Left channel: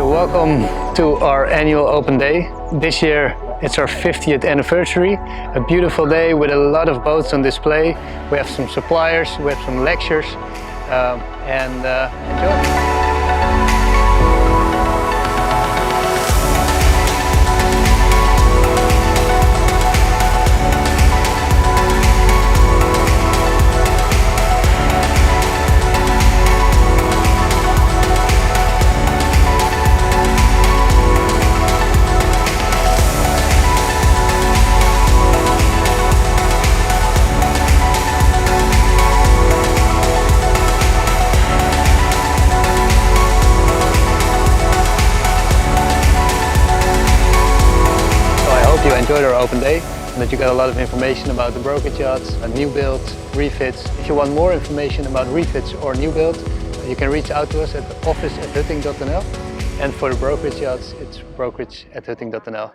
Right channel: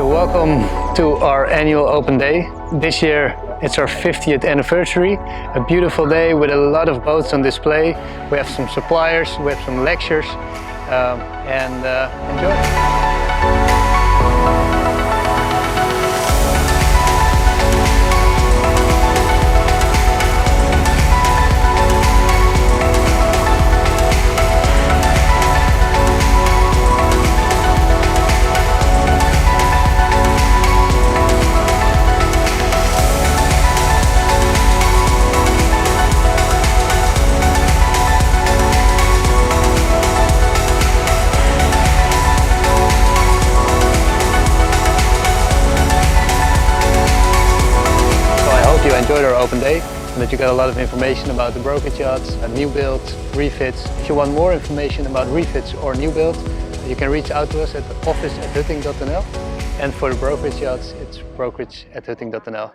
So welcome to our annual open day. This year it's our 50th anniversary. A beautiful day with a lot of boats on display. We have some suppliers, we have some lectures, and enjoy. You enjoyed our open day and that you got a lot of information about the brokerage yachts, new build, refits. If you want more information about refits or new build, you can reach out to us at office@hutting.nl, and for the brokerage yachts it's brokerage@hutting.nl.